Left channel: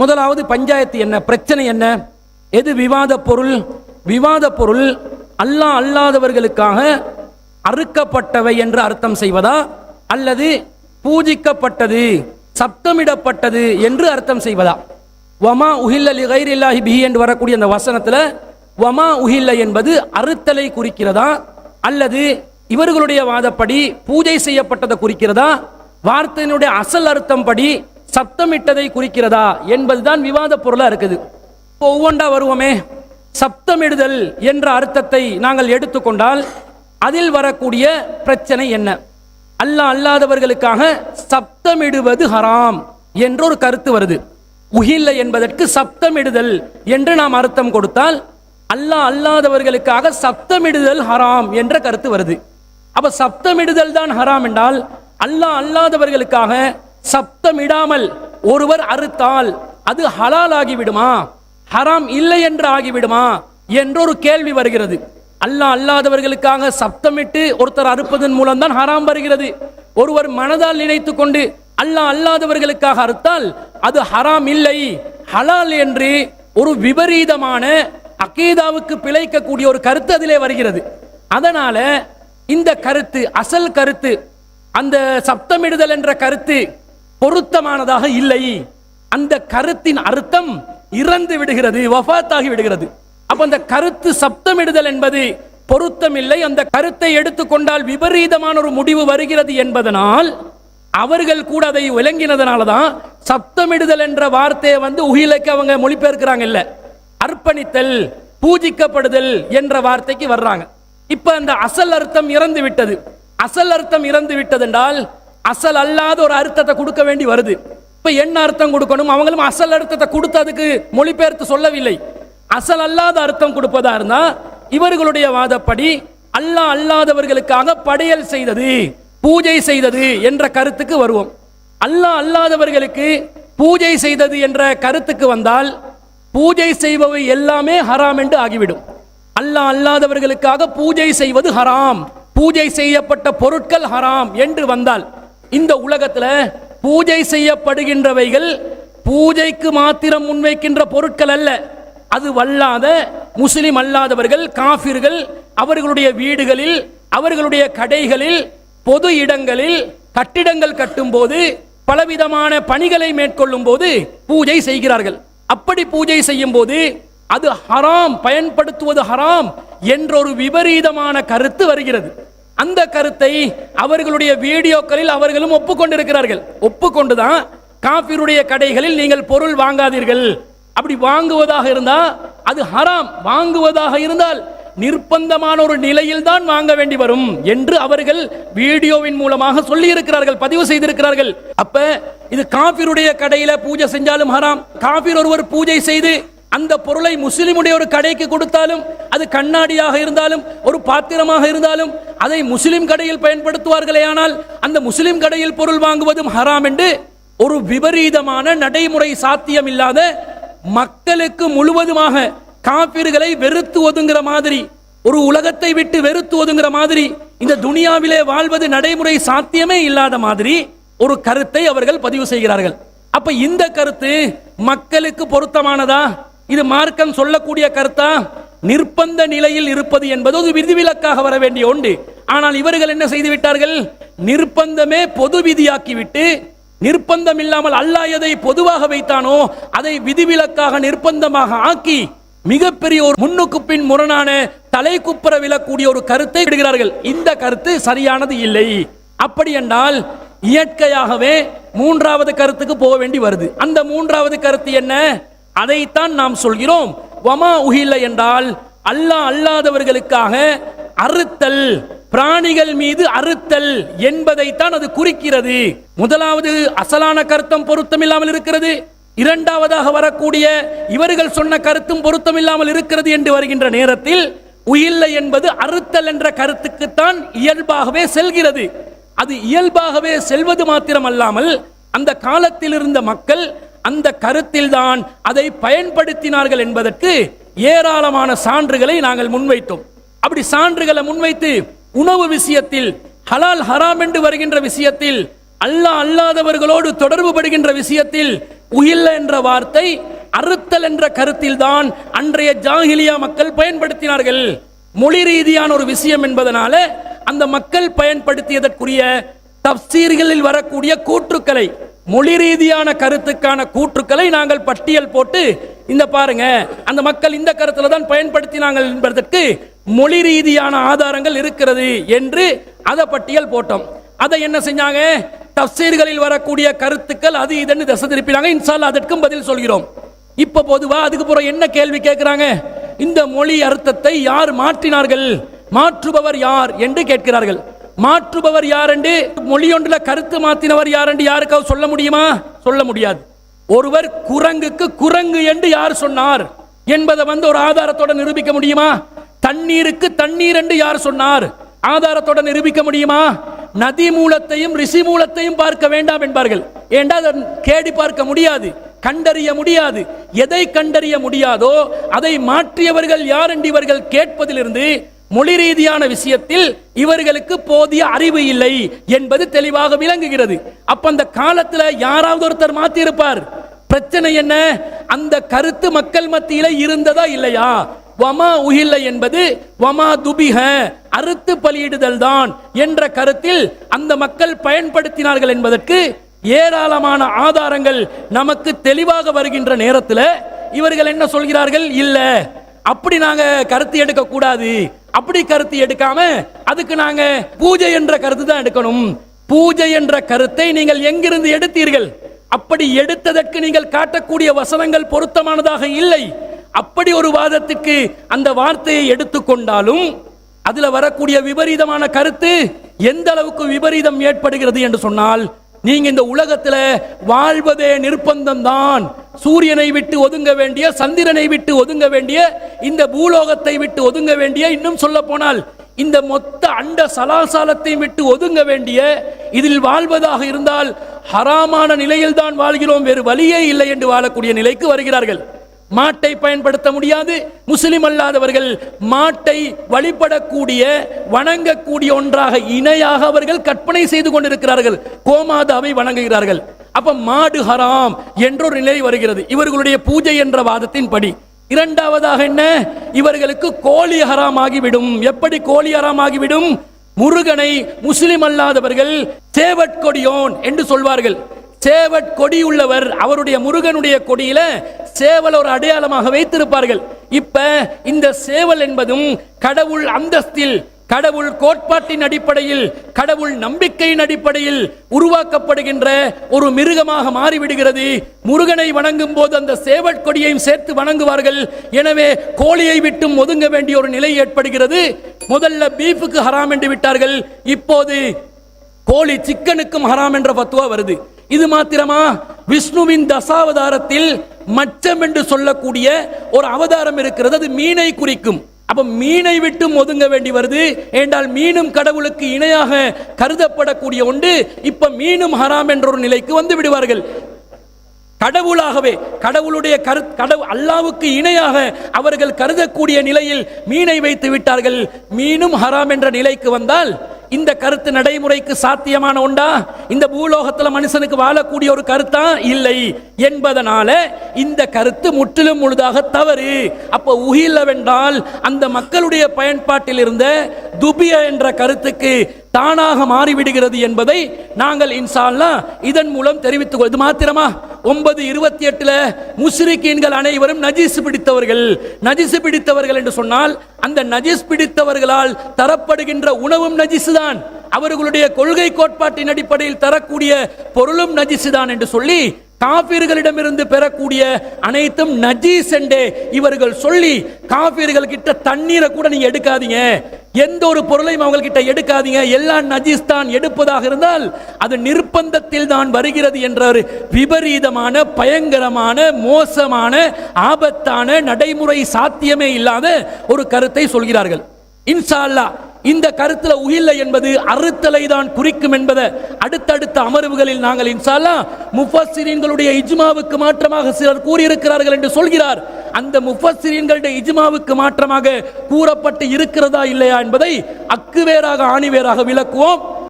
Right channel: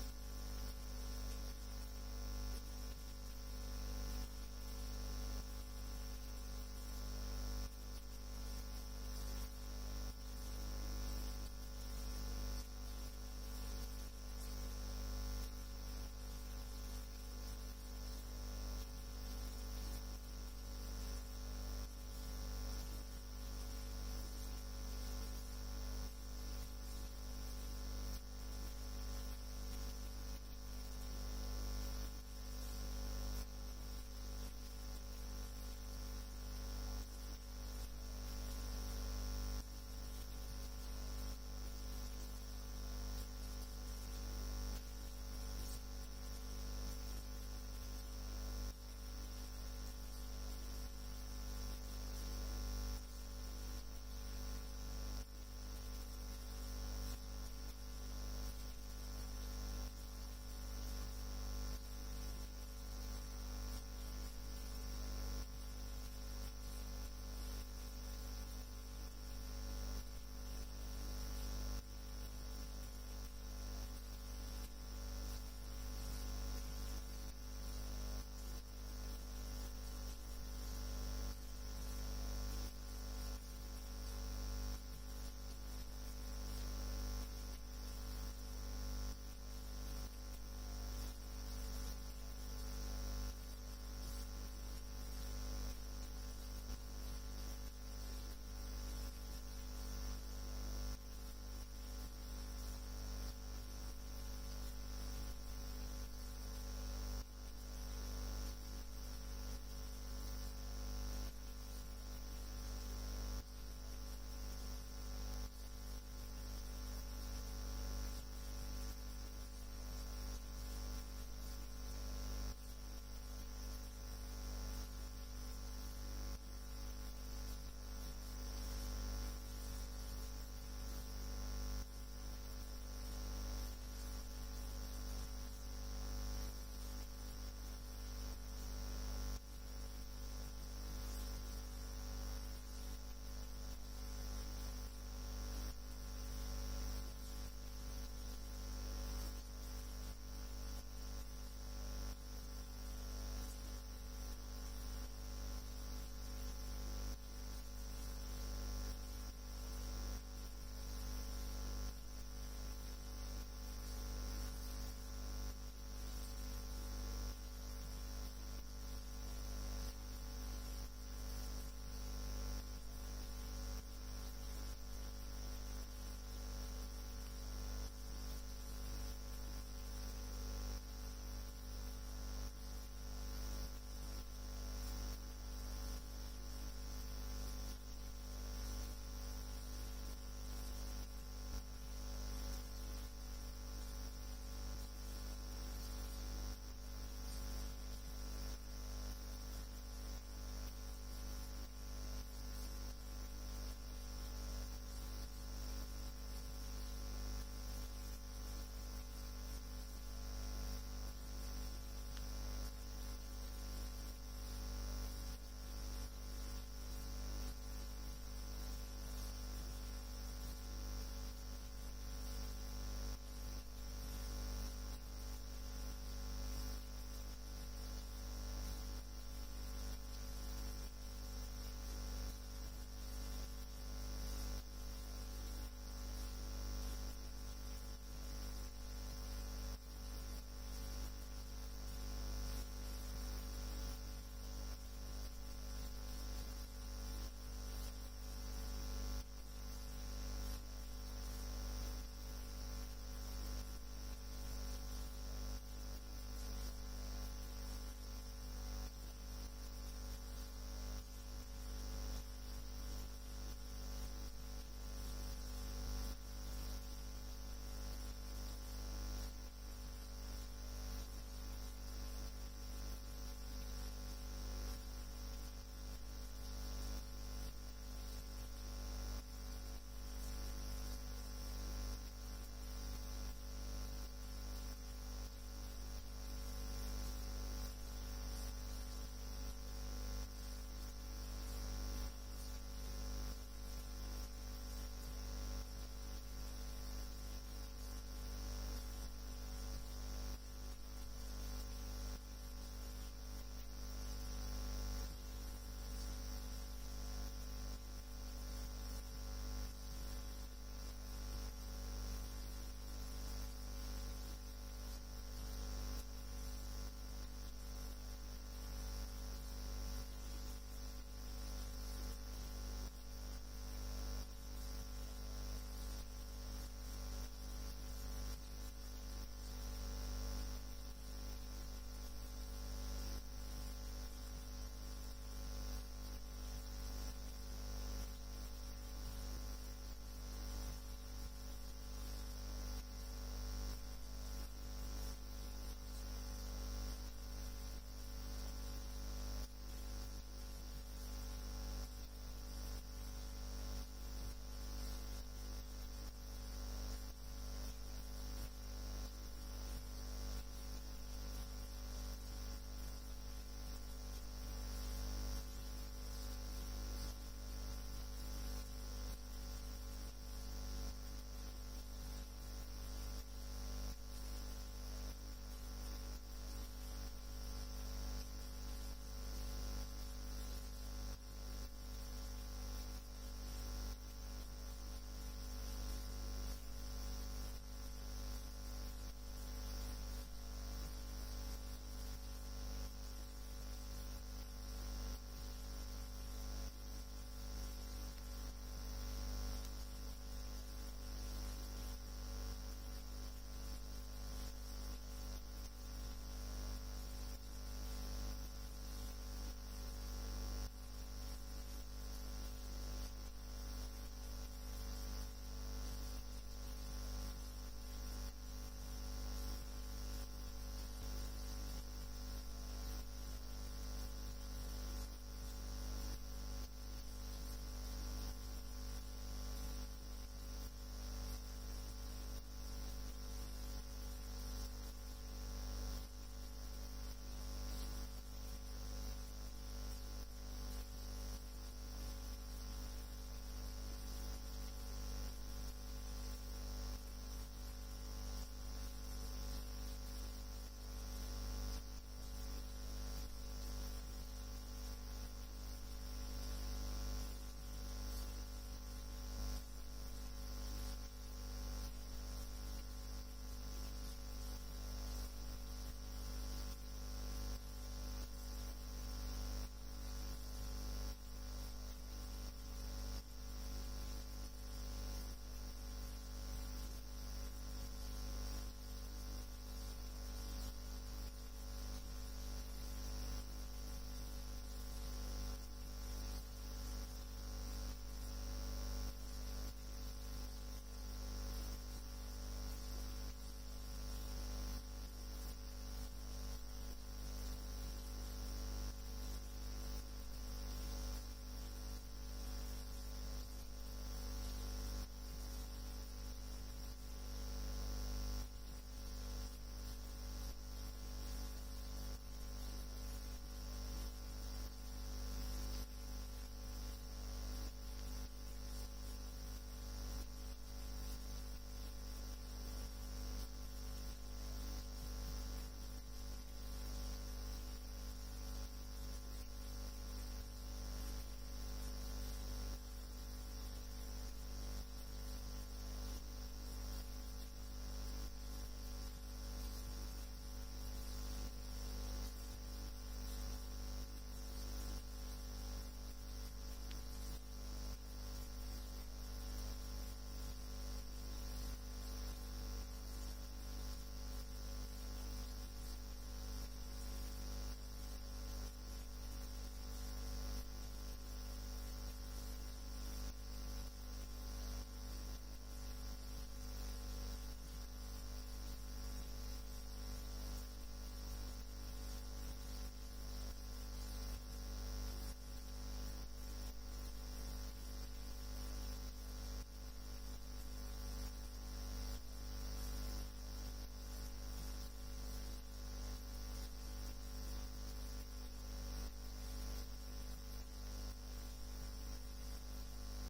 முதலாவது பஞ்சாயத்து என்ன? பிரச்சனை என்ன? எது விவாத பொருள்? விவாத பொருள் அல்லாஹ் அல்லாதவர்களுக்காக அறுக்கப்பட்டவை என்று அர்த்தம் செய்வதா? அல்லது பூஜிக்கப்பட்டது சப்தமிடப்பட்டது என்று அர்த்தம் செய்வதா? வமா உஹில்ல லி கைரில்லாஹி பிஹி என்று வரக்கூடிய அந்த வசனத்தில் வமா உஹில்ல என்பது அறுத்தலை குறிக்கிறதா? அல்லது இவர்களுடைய வாதப்படி பூஜை செய்யப்பட்டதை குறிக்கிறதா? வார்த்தையினுடைய அசல் அர்த்தம் படி சப்தமிட்டதை குறிக்கிறதா என்பதுதான் விவாத பொருளாக இருக்குது. ஒவ்வொன்றா வருவோமே. சப்தமிடுதல் என்ற அர்த்தத்தை நாங்கள் எடுத்துக்கொண்டால் அதில் வரக்கூடிய பிரச்சனை என்ன? அல்லாஹ் அல்லாதவர்களுக்காக சப்தமிடுவது ஹராம் என்ற ஒரு கருத்து வருது. உகில்ல என்பதற்கு சப்தமிடுதல் என்று நாம் அர்த்தம் கொடுத்தால் அல்லாஹ் அல்லாதவர்களுக்காக சப்தமிடுதல் ஹராம் என்ற கருத்து வருது. அப்ப சப்தமிடுதல் தான் ஹராம் என்றால் அல்லாஹ் அல்லாதவர்களுக்காக சப்தமிடாமல் ஒருவர் அறுத்தால் அது ஹலால் ஆகிவிடுமா ஹராம் இல்லை என்று ஆகிவிடுமா? என்றொரு கேள்வி வருகிறது. அல்லாஹ் அல்லாதவர்களுக்காக சப்தமிட்டு ஒருத்தர் அறுப்பதன் மூலம் தான் ஹராம் வருகிறது. ஒருவர் மனதால் நினைத்து கொண்டு அல்லாஹ் அல்லாதவர்களுக்காக அறுத்தால் அது ஹராம் இல்லை. ஹலால் என்று ஒரு விபரீதமான அகீதாவுக்கு பிழைக்கக்கூடிய ஒரு கருத்து அதிலே வருகிறது. அதனால இந்த கருத்து அசல் கருத்து அந்த சப்தமிடுதல் என்ற கருத்து பொருத்தமானதாக இல்லை. அந்த கருத்தின் அர்த்தம் இறந்து விடுகிறது வஃபாத்தாகி விடுகிறது. அப்ப அந்த கருத்து சப்தமிடுதல் என்பது பொருத்தமில்லை. அந்த கருத்தை எடுத்துக்கொண்டால் விபரீதமான ஒரு முடிவு வருகிறது என்பதனால் அவர்கள் கூட அதை விளங்கினதுனால தான் சப்தமிடுதல் என்ற வார்த்தையை வந்து உகிலைக்கு அவங்க மொழிபெயர்க்கிறாங்க இல்ல. அர்ப்பணித்தல் பூஜிக்கப்படுதல் என்ற வார்த்தைக்கு வர்றாங்க. இப்ப அந்த அசல் அர்த்தம் இறந்து விட்டது. அசல் அர்த்தம் இறந்து விட்டது என்றால் அசல் அல்லாத ஒரு அர்த்தத்தை கொடுக்க வேண்டி வருது. இப்போ என்ன அர்த்தம் கொடுக்கணும்? அவங்களும் அசல் அர்த்தத்தை கொடுத்ததுக்கு மொழிபெயர்த்து சொல்லவில்லை. அசல் அல்லாத அர்த்தம் கொடுப்பதா இருந்தா இவர்களுடைய வாதப்படி அல்லாஹ் அல்லாதவர்களுக்காக படையல் செய்தது பூஜை செய்தது என்ற கருத்துக்கு வருவோம். அல்லாஹ் அல்லாதவர்களுக்கு பூஜை செய்தது என்ற கருத்துக்கு வந்தால் பூஜை செய்பவை எல்லாமே ஹராம் என்று ஆகிவிடும். அல்லாஹ் அல்லாதவர்களுக்காக பூஜை செய்வது ஹராம். பூஜை செய்யப்பட்ட பொருட்கள் ஹராம் என்று வந்தால் இந்த உலகத்துல பூஜை செய்யப்படுகின்றவைகள் பூஜைக்கு மாத்திரம் முன்வைக்கின்ற பொருட்கள் அல்ல. அது வல்லாத முஸ்லிம் அல்லாதவர்கள் காஃபிர்கள் அவர்களுடைய வீடுகளில் அவர்களுடைய கடைகளில் பொது இடங்களில் கட்டிடங்கள் கட்டும்போது பலவிதமான பணிகளை மேற்கொள்ளும் போது பூஜை செய்கிறார்கள். அப்படி பூஜை செய்யும் போது அது ஹராம் பயன்படுத்துவது ஹராம் என்ற ஒரு விபரீதமான கருத்து வருகிறது. அந்த கருத்தை அவர்களுடைய வீடியோக்களில் அவர்களும் ஒப்புக்கொண்டிருக்கிறார்கள். ஒப்புக்கொண்டுதான் காபிருடைய கடைகளில் நீங்கள் பொருள் வாங்காதீர்கள். அப்படி வாங்குவதாக இருந்தால் அது ஹராம். வாங்குவதாக இருந்தால் நிர்பந்தமான ஒரு நிலையில் தான் வாங்க வேண்டி வரும் என்று அவர்கள் வீடியோவின் மூலமாக சொல்லி இருக்கிறார்கள் பதிவு செய்திருக்கிறார்கள். அப்ப இது காபிருடைய கடையில பூஜை செஞ்சாலும் ஹராம். காபிர் ஒருவர் பூஜை செய்து அந்த பொருளை முஸ்லிமுடைய ஒரு கடைக்கு கொடுத்தாலும் அது கண்ணாடியாக இருந்தாலும் ஒரு பாத்திரமாக இருந்தாலும் அதை முஸ்லிம் கடையில் பயன்படுத்துவார்களே ஆனால் அந்த முஸ்லிம் கடையில் பொருள் வாங்குவதும் ஹராம் என்று ஒரு விபரீதமான நடைமுறை சாத்தியம் இல்லாத மக்களுக்கு முழுவதுமாக காப்பீர்களை வெறுத்து ஒதுங்குற மாதிரி ஒரு உலகத்தை விட்டு வெறுத்து ஒதுங்குற மாதிரி இந்த துனியாவிலே வாழ்வது நடைமுறை சாத்தியமே இல்லாத மாதிரி ஒரு கருத்தை அவர்கள் பதிவு செய்கிறார்கள். அப்ப இந்த கருத்து மக்களுக்கு பொருத்தமானதா? இது மார்க்கம் சொல்லக்கூடிய கருத்தா? நிர்பந்த நிலையில் இருப்பது என்பது ஒரு விதிவிலக்காக வர வேண்டிய உண்டு ஆனால் இவர்கள் என்ன செய்து விட்டார்கள்? நிர்பந்தமே பொது விதியாக்கிவிட்டு நிர்பந்தம் இல்லாமல் அல்லாஹ் எதை பொதுவாக வைத்தானோ அதை விதிவிலக்காக நிர்பந்தமாக ஆக்கி மிகப்பெரிய ஒரு முன்னுக்கு பின் முரணான தலை குப்புற விழக்கூடிய ஒரு கருத்தை விடுகிறார்கள். இந்த கருத்து சரியானது இல்லை. அப்படி என்றால் இயற்கையாகவே மூன்றாவது கருத்துக்கு போக வேண்டி வருது. அந்த மூன்றாவது கருத்து என்ன? அதைத்தான் நாம் சொல்கிறோம். வமா உகில என்றால் அல்லாஹ் அல்லாதவர்களுக்காக அறுத்தல் பிராணிகள் மீது அறுத்தல் என்பதைத்தான் அது குறிக்கிறது. முதலாவது அசலான கருத்தம் பொருத்தமில்லாமல் இருக்கிறது. இரண்டாவதாக வரக்கூடிய இவர்கள் சொன்ன கருத்தும் பொருத்தமில்லாமல் இருக்கிறது என்று வருகின்ற நேரத்தில் உயில்லை என்பது அறுத்தல் என்ற கருத்துக்குத்தான் இயல்பாகவே செல்கிறது. அது இயல்பாகவே செல்வது மாத்திரமல்லாமல் அந்த காலத்தில் இருந்த மக்கள் அந்த கருத்தில்தான் அதை பயன்படுத்தினார்கள் என்பதற்கு ஏராளமான சான்றுகளை நாங்கள் முன்வைத்தோம். அப்படி சான்றுகளை முன்வைத்து உணவு விஷயத்தில் ஹலால் ஹராம் என்று வருகின்ற விஷயத்தில் அல்லாஹ் அல்லாதவர்களோடு தொடர்பு படுகின்ற விஷயத்தில் உயில்ல என்ற வார்த்தை அறுத்தல் என்ற கருத்தில் தான் அன்றைய ஜாகிலியா மக்கள் பயன்படுத்தினார்கள். மொழி ரீதியான ஒரு விஷயம் என்பதனால அந்த மக்கள் பயன்படுத்தியதற்குரிய தப்சீர்களில் வரக்கூடிய கூற்றுக்களை மொழி ரீதியான கருத்துக்கான கூற்றுக்களை நாங்கள் பட்டியல் போட்டு இந்த பாருங்க அந்த மக்கள் இந்த கருத்துல தான் பயன்படுத்தினாங்க என்பதற்கு மொழி ரீதியான ஆதாரங்கள் இருக்கிறது என்று அதை பட்டியல் போட்டோம். அதை என்ன செஞ்சாங்க? தப்சீர்களில் வரக்கூடிய கருத்துக்கள் அது இதுன்னு திசை திருப்பினாங்க. இன்சால் அதற்கும் பதில் சொல்கிறோம். இப்ப பொதுவா அதுக்கு பிறகு என்ன கேள்வி கேட்கிறாங்க இந்த மொழி அர்த்தத்தை யார் மாற்றினார்கள்? மாற்றுபவர் யார் என்று கேட்கிறார்கள். மாற்றுபவர் யாரென்று என்று மொழி கருத்து மாத்தினவர் யார் என்று யாருக்காவது சொல்ல முடியுமா? சொல்ல முடியாது. ஒருவர் குரங்குக்கு குரங்கு என்று யார் சொன்னார்? என்பதை வந்து ஒரு ஆதாரத்தோட நிரூபிக்க முடியுமா? தண்ணீருக்கு தண்ணீர் என்று யார் சொன்னார்? ஆதாரத்தோட நிரூபிக்க முடியுமா? நதி மூலத்தையும் ரிஷி மூலத்தையும் பார்க்க வேண்டாம் என்பார்கள். ஏண்டா அதை கேடி பார்க்க முடியாது? கண்டறிய முடியாது. எதை கண்டறிய முடியாதோ அதை மாற்றியவர்கள் யார் என்று இவர்கள் கேட்பதிலிருந்து மொழி ரீதியான விஷயத்தில் இவர்களுக்கு போதிய அறிவு இல்லை என்பது தெளிவாக விளங்குகிறது. அப்ப அந்த காலத்துல யாராவது ஒருத்தர் மாத்தி இருப்பார் பிரச்சனை என்ன? அந்த கருத்து மக்கள் மத்தியில இருந்ததா இல்லையா? வமா உகில்ல என்பது வமா துபிக அறுத்து பலியிடுதல் தான் என்ற கருத்தில் அந்த மக்கள் பயன்படுத்தினார்கள் என்பதற்கு ஏராளமான ஆதாரங்கள் நமக்கு தெளிவாக வருகின்ற நேரத்தில் இவர்கள் என்ன சொல்கிறார்கள்? இல்ல. அப்படி நாங்க கருத்து எடுக்க கூடாது அப்படி கருத்து எடுக்காம அதுக்கு நாங்க பூஜை என்ற கருத்து தான் எடுக்கணும். பூஜை என்ற கருத்தை நீங்கள் எங்கிருந்து எடுத்தீர்கள்? அப்படி எடுத்ததற்கு நீங்கள் காட்டக்கூடிய வசனங்கள் பொருத்தமானதாக இல்லை. அப்படி ஒரு வாதத்துக்கு அந்த வார்த்தையை எடுத்துக்கொண்டாலும் அதுல வரக்கூடிய விபரீதமான கருத்து எந்த அளவுக்கு விபரீதம் ஏற்படுகிறது என்று சொன்னால் நீங்க இந்த உலகத்துல வாழ்வதே நிர்பந்தம் தான் சூரியனை விட்டு ஒதுங்க வேண்டிய சந்திரனை விட்டு ஒதுங்க வேண்டிய இந்த பூலோகத்தை விட்டு ஒதுங்க வேண்டிய இன்னும் சொல்ல போனால் இந்த மொத்த அண்ட சலாசாலத்தை விட்டு ஒதுங்க வேண்டிய இதில் வாழ்வதாக இருந்தால் ஹராமான நிலையில் தான் வாழ்கிறோம் வேறு வழியே இல்லை என்று வாழக்கூடிய நிலைக்கு வருகிறார்கள். மாட்டை பயன்படுத்த முடியாது முஸ்லிம் அல்லாதவர்கள் மாட்டை வழிபடக்கூடிய வணங்கக்கூடிய ஒன்றாக இணையாக அவர்கள் கற்பனை செய்து கொண்டிருக்கிறார்கள். கோமாதாவை வணங்குகிறார்கள். அப்ப மாடு ஹராம் என்றொரு நிலை வருகிறது. இவர்களுடைய பூஜை என்ற வாதத்தின் படி இரண்டாவதாக என்ன? இவர்களுக்கு கோழி ஹராம் ஆகிவிடும் எப்படி கோழி ஹராம் ஆகிவிடும் முருகனை முஸ்லிம் அல்லாதவர்கள் சேவற்கொடியோன் என்று சொல்வார்கள். சேவட் கொடி உள்ளவர் அவருடைய முருகனுடைய கொடியில சேவல் ஒரு அடையாளமாக வைத்திருப்பார்கள். இப்ப இந்த சேவல் என்பதும் கடவுள் அந்தஸ்தில் கடவுள் கோட்பாட்டின் அடிப்படையில் கடவுள் நம்பிக்கையின் அடிப்படையில் உருவாக்கப்படுகின்ற ஒரு மிருகமாக மாறிவிடுகிறது. முருகனை வணங்கும் போது அந்த சேவற்கொடியையும் சேர்த்து வணங்குவார்கள். எனவே கோழியை விட்டும் ஒதுங்க வேண்டிய ஒரு நிலை ஏற்படுகிறது. முதல்ல பீஃபுக்கு ஹராம் என்று விட்டார்கள். இப்போது கோழி சிக்கனுக்கும் ஹராம் என்ற பத்துவா வருது. இது மாத்திரமா? விஷ்ணுவின் தசாவதாரத்தில் மச்சம் என்று சொல்லக்கூடிய ஒரு அவதாரம் இருக்கிறது. அது மீனை குறிக்கும். அப்போ மீனை விட்டும் ஒதுங்க வேண்டி வருது. ஏண்டால் மீனும் கடவுளுக்கு இணையாக கருதப்படக்கூடிய ஒன்று இப்ப மீனும் ஹராம் என்ற ஒரு நிலைக்கு வந்து விடுவார்கள். கடவுளாகவே கடவுளுடைய கரு கடவுள் அல்லாவுக்கு இணையாக அவர்கள் கருதக்கூடிய நிலையில் மீனை வைத்து விட்டார்கள். மீனும் ஹராம் என்ற நிலைக்கு வந்தால் இந்த கருத்து நடைமுறைக்கு சாத்தியமான உண்டா? இந்த பூலோகத்தில் மனுஷனுக்கு வாழக்கூடிய ஒரு கருத்தா? இல்லை. என்பதனால இந்த கருத்து முற்றிலும் முழுதாக தவறு. அப்ப உகிலவென்றால் அந்த மக்களுடைய பயன்பாட்டில் இருந்த துபிய என்ற கருத்துக்கு தானாக மாறிவிடுகிறது என்பதை நாங்கள் இன்சால்லா இதன் மூலம் தெரிவித்துக் கொள்வது மாத்திரமா? ஒன்பது இருபத்தி எட்டுல முஸ்ரிக்கீன்கள் அனைவரும் நஜீஸ் பிடித்தவர்கள். நஜீஸ் பிடித்தவர்கள் என்று சொன்னால் அந்த நஜீஸ் பிடித்தவர்களால் தரப்படுகின்ற உணவும் நஜீசு தான். அவர்களுடைய கொள்கை கோட்பாட்டின் அடிப்படையில் தரக்கூடிய பொருளும் நஜிசு தான் என்று சொல்லி காபீர்களிடமிருந்து பெறக்கூடிய அனைத்தும் நஜீஸ் என்றே இவர்கள் சொல்லி காபீர்கள் கிட்ட தண்ணீரை கூட நீங்க எடுக்காதீங்க. எந்த ஒரு பொருளையும் அவங்கக்கிட்ட எடுக்காதீங்க. எல்லாம் நஜீஸ் தான் எடுப்பதாக இருந்தால் அது நிர்பந்தத்தில் தான் வருகிறது என்ற ஒரு விபரீதமான பயங்கரமான மோசமான ஆபத்தான நடைமுறை சாத்தியமே இல்லாத ஒரு கருத்தை சொல்கிறார்கள். இன்ஷா இந்த கருத்துல உயில்லை என்பது அறுத்தலை தான் குறிக்கும் என்பதை அடுத்தடுத்த அமர்வுகளில் நாங்கள் இன்சாலா முஃபஸ்ஸிரீன்களுடைய இஜ்மாவுக்கு மாற்றமாக சிலர் கூறியிருக்கிறார்கள் என்று சொல்கிறார். அந்த முஃபஸ்ஸிரீன்களுடைய இஜ்மாவுக்கு மாற்றமாக கூறப்பட்டு இருக்கிறதா இல்லையா என்பதை அக்குவேராக ஆணிவேராக விளக்குவோம்.